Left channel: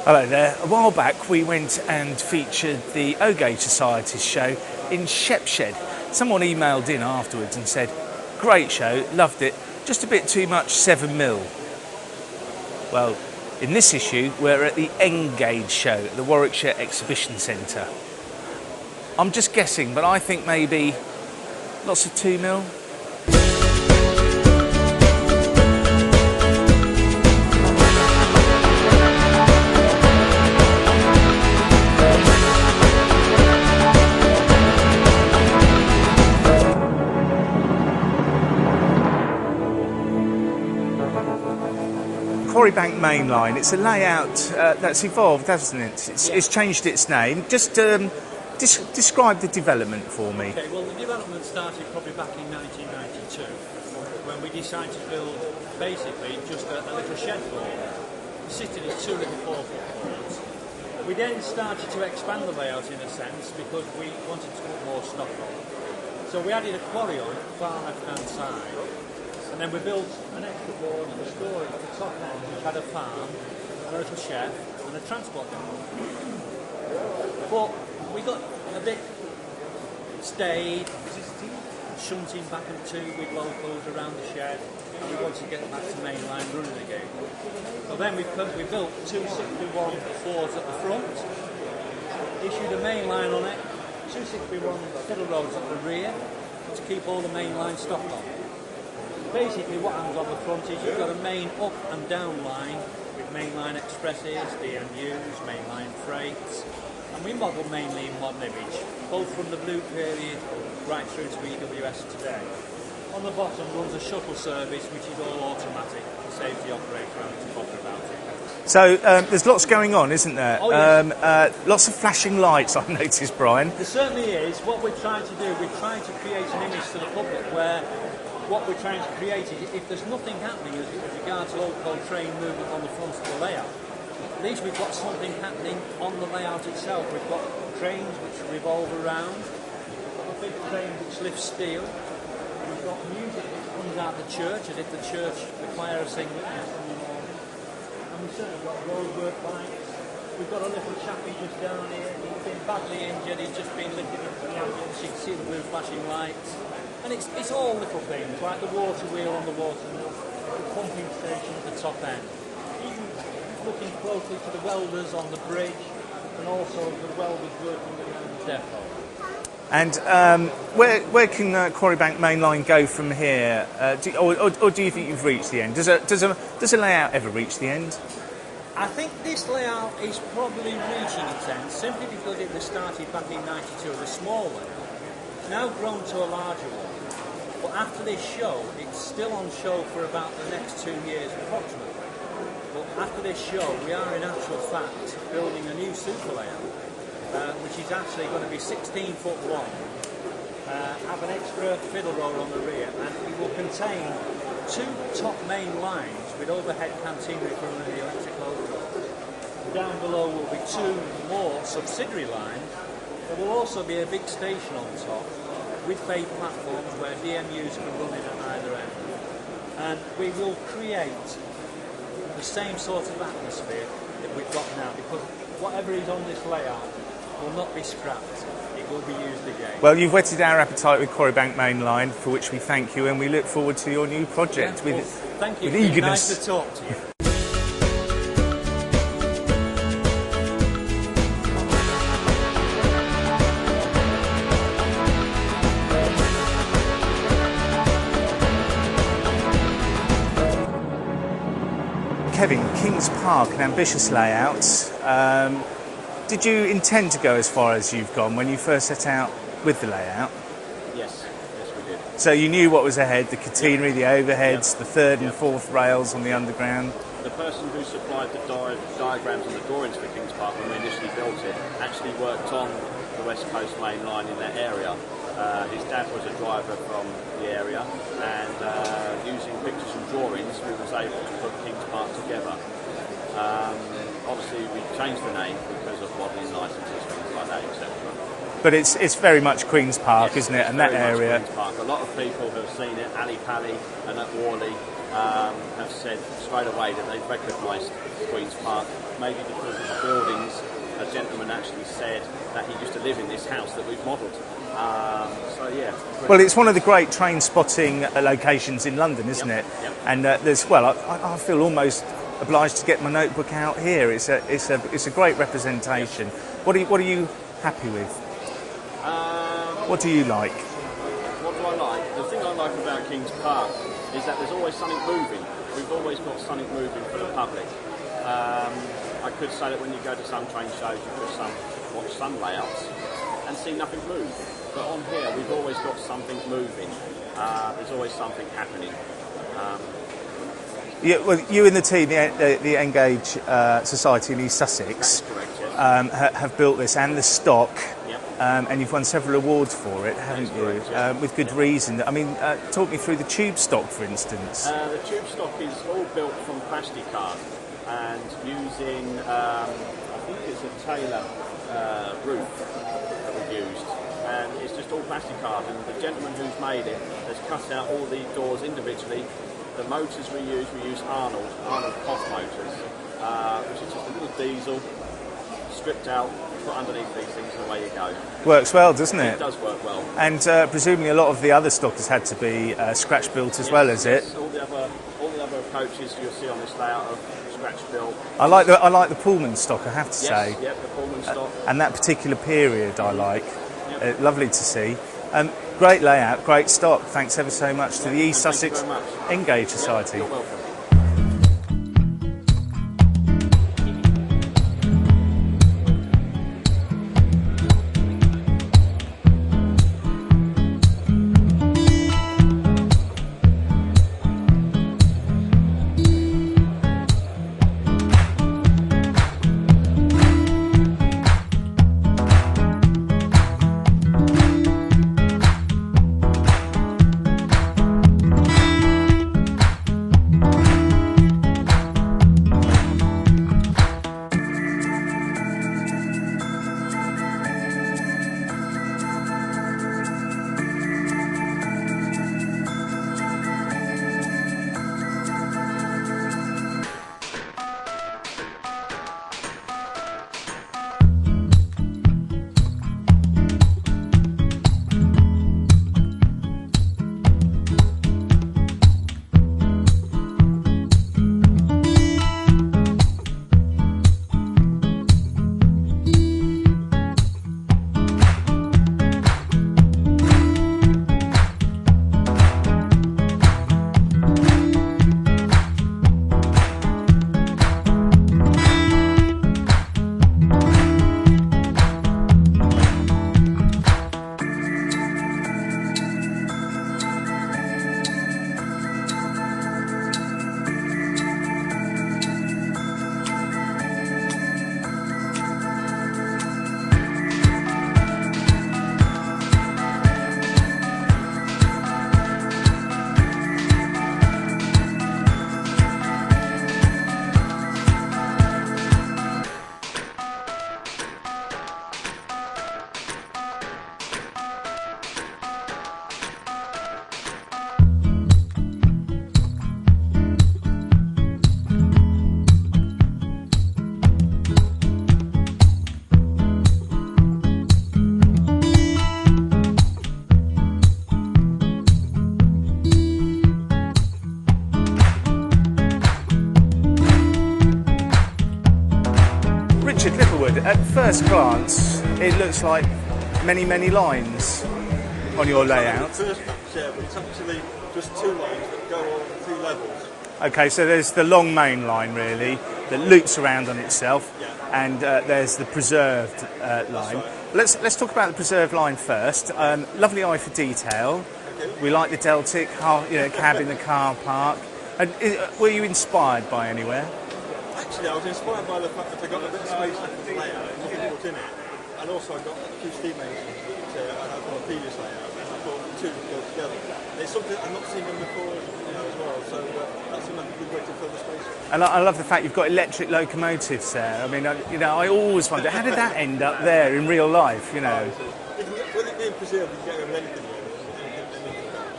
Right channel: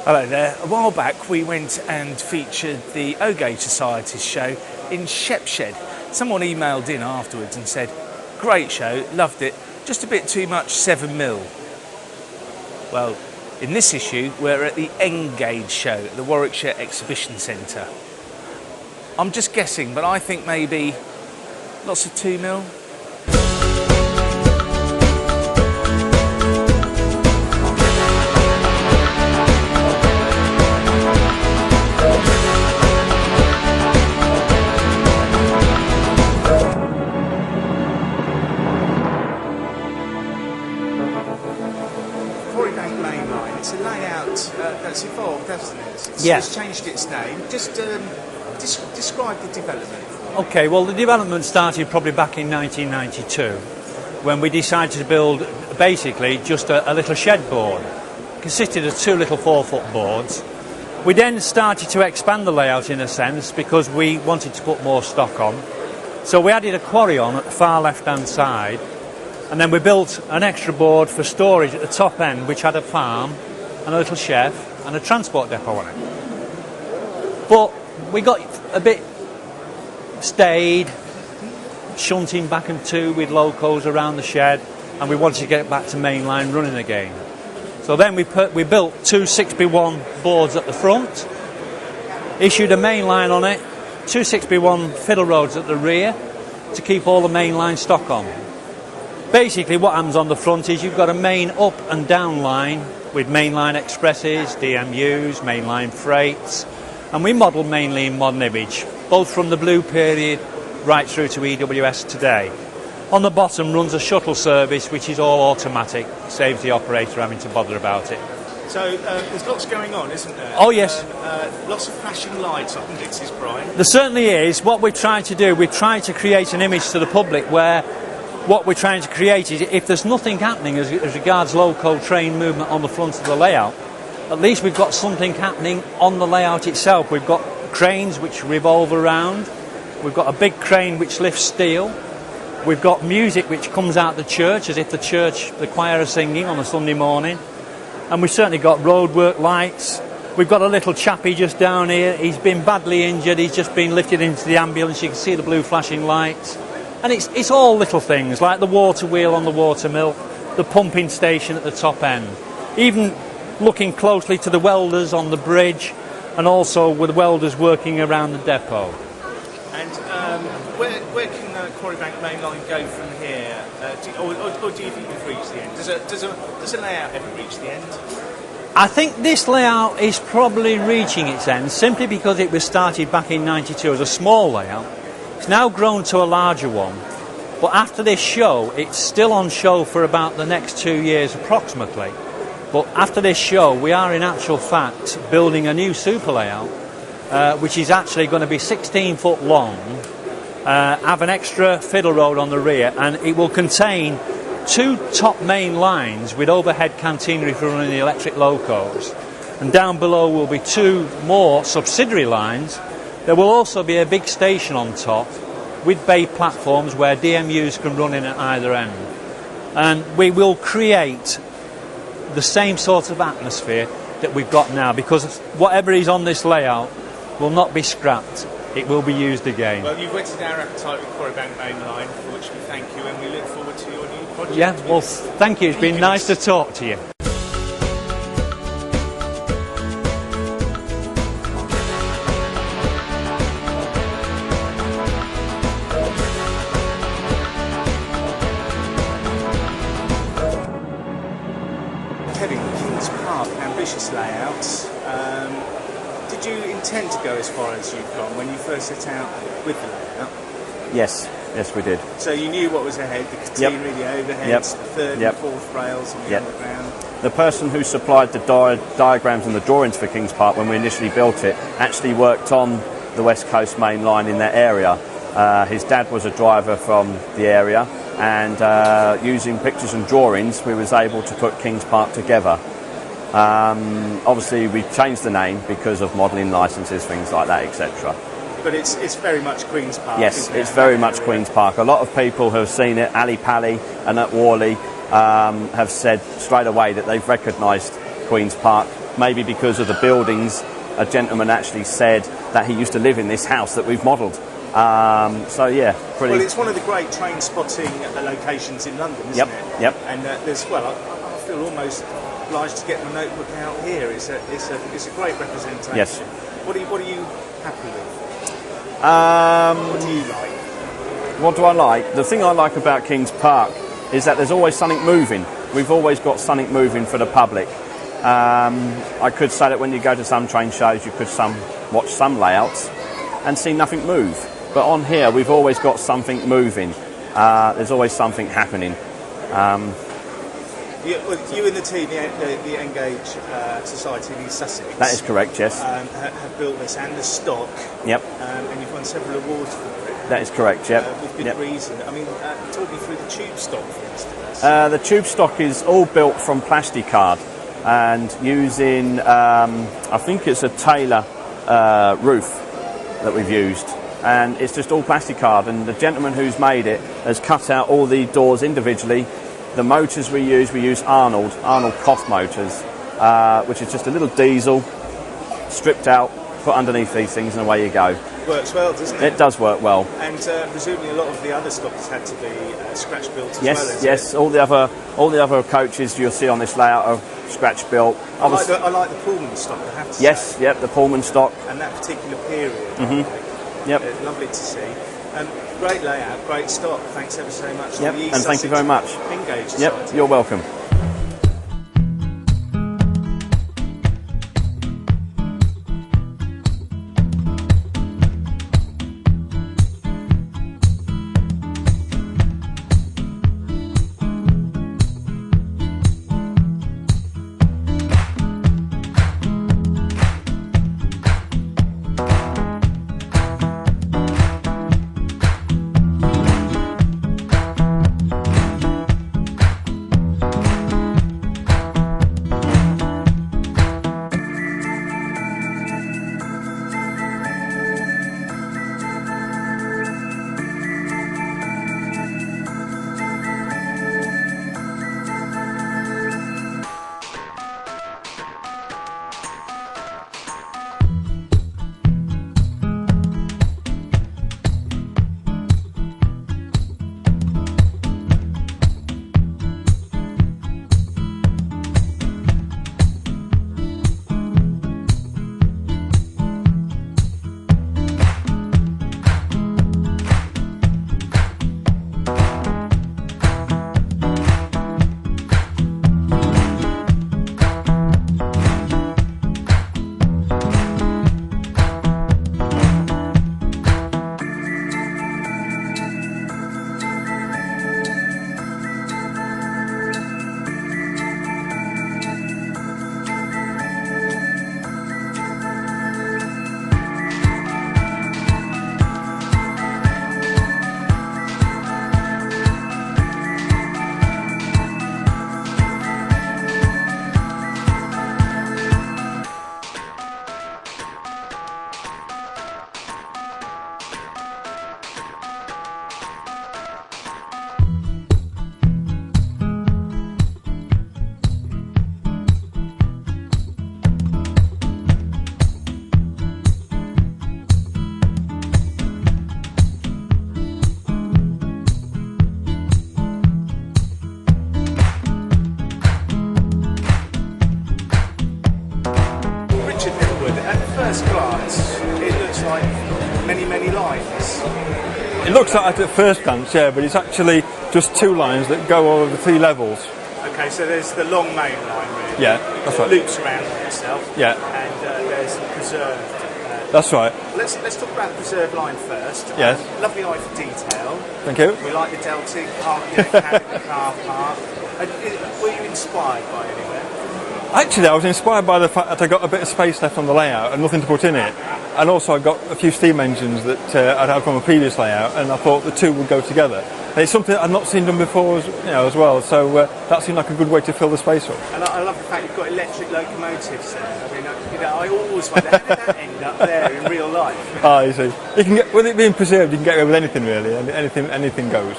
Hello there. A while back we went and featured the O-Gauge Society's show in Shepshed. Someone emailed in afterwards and said, great show, loved it, just a bit too much 7mm. Well, in this issue we're at the N-Gauge show at the Warwickshire Exhibition Centre. I'm just guessing, but I think maybe lots of 2mm. Quarrybank Main Line, it's a layout that's evolved, hasn't it? It's changed its name. Just describe the development for me. Okay, well the development started probably back in 1992 when we decided to build basically just a little shed board. It consisted of two little 4-foot boards. We then started to expand the layout in a sense because we wanted to put more stock on. So we added a quarry on at the far left hand side. And then we built an extra board for storage at the top end, which had a farm and a little shed and a transport depot on it. But we got a bit stayed, shunting back and two with locos around the shed, and we wanted to get it back to mainline running again. So then we built two 6x1 boards at the front, issued a mainline on it, two 6x1 fiddle roads at the rear to keep all the mainline stock on. Basically what happens on the front is you've got a main up and down line with mainline expresses, DMUs, mainline freights, and we model mainly in modern image, both from the blue period right through to EWS today. On the bottom runs a shuttle service which is all automatic, saves the operator having to bother about it. So there's lots going on, isn't there? Oh yes. Lots of flashing lights, I've noticed, Brian. There certainly is. What we're trying to do, we're trying to create an image to the public where what we're trying to create is if there's nothing happening as regards local train movement on the front of the layout, at least we've got something happening on the layout itself. We've got cranes which revolve around, we've got a big crane which lifts steel, we've got music which comes out the church as if the choir are singing on a Sunday morning, and we've certainly got roadwork lights. We've got a little chappie just down here, he's been badly injured, he's just been lifted into the ambulance, you can see the blue flashing lights. And it's all little things, like the water wheel on the water mill, the pumping station at the top end. Even looking closely to the welders on the bridge, and also with welders working around the depot. And where can Quarrybank Main Line go from here? Or do you think you've reached the end? Does a layout ever reach the end? I think this layout is probably reaching its end, simply because it was started back in '92 as a small layout. It's now grown to a larger one, but after this show, it's still on show for about the next 2 years approximately. But after this show, we are in actual fact building a new super layout, which is actually going to be 16 foot long, have an extra fiddle road on the rear, and it will contain two top main lines with overhead cantinery for running the electric locos. And down below will be two more subsidiary lines. There will also be a big station on top with bay platforms where DMUs can run in at either end. And we will create the same sort of atmosphere that we've got now, because whatever is on this layout will not be scrapped. It will be used again. Well, you've whetted our appetite with Quarrybank Main Line, for which we thank you, and we look forward to your new project. Yeah, well, thank you. It's been nice to talk to you. Kevin, Kings Park, an ambitious layout. Did you intend to go as far as you've gone when you first set out with the layout? Yes, we did. So you knew what was ahead, the catenary, the overheads, the third and fourth rails on the underground? The person who supplied the diagrams and the drawings for Kings Park when we initially built it actually worked on the West Coast Main Line in that area. His dad was a driver from the area, and using pictures and drawings we was able to put Kings Park together. Obviously we changed the name because of modelling licences, things like that, etc. But it's very much Queen's Park, yes, isn't it? It's very much Queen's Park. A lot of people who have seen it, Ali Pally and at Worley, have said straight away that they've recognised Queen's Park maybe because of the buildings, a gentleman actually said that he used to live in this house that we've modelled. So yeah, pretty. Well, it's one of the great train spotting locations in London, isn't Yep, it? yep. And there's, well, I feel almost obliged to get my notebook out here. It's a great representation. Yes. What are you happy with? What do you like? What do I like? The thing I like about Kings Park is that there's always something moving. We've always got something moving for the public. I could say that when you go to some train shows, you could watch some layouts and see nothing move. But on here, we've always got something moving. There's always something happening. You and the team, the Engage Society in East Sussex. That is correct, yes. Have built this and the stock. Yep. And you've won several awards for it. That is correct, yeah. With good Yep. reason. I mean, talk me through the tube stock, for instance. The tube stock is all built from plasticard and using, I think it's a Taylor roof that we've used. And it's just all plasticard, and the gentleman who's made it has cut out all the doors individually. The motors we use Arnold Koff motors, which is just a little diesel, stripped out, put underneath these things, and away you go. Works well, doesn't it? It does work well. And presumably a lot of the other stock has had to be scratch built as well, is it? Yes, all the other coaches you'll see on this layout are scratch built. I like the Pullman stock, I have to say. Yes, yep, the Pullman stock. And that particular period I like. Yep. Lovely to see. Great layout, great stock. Thanks ever so much to Yep, the East and Sussex thank you very much. Engage Society. Yep, you're welcome. first glance, it looks like many, many lines. It looks like at first glance, yeah, but it's actually just two lines that go over the three levels. Okay, so there's the long main line, really. Yeah, that's that right. loops around on itself. Yeah. And there's the preserved. That's right. Let's talk about the preserved line first. Yes. Lovely eye for detail. Thank you. We like the Deltic cab in the car park. Were you inspired by anywhere? Actually, I was inspired by the fact that I got a bit of space left on the layout and nothing to put in it. And also I got a few steam engines that I'd had from a previous layout, and I thought the two would go together. And it's something I've not seen done before as well, so that seemed like a good way to fill the space up. And I love the fact you've got electric locomotives there. I mean, I always wonder, how did that end up there in real life? You see. You can get, with it being preserved, you can get away with anything really, anything goes.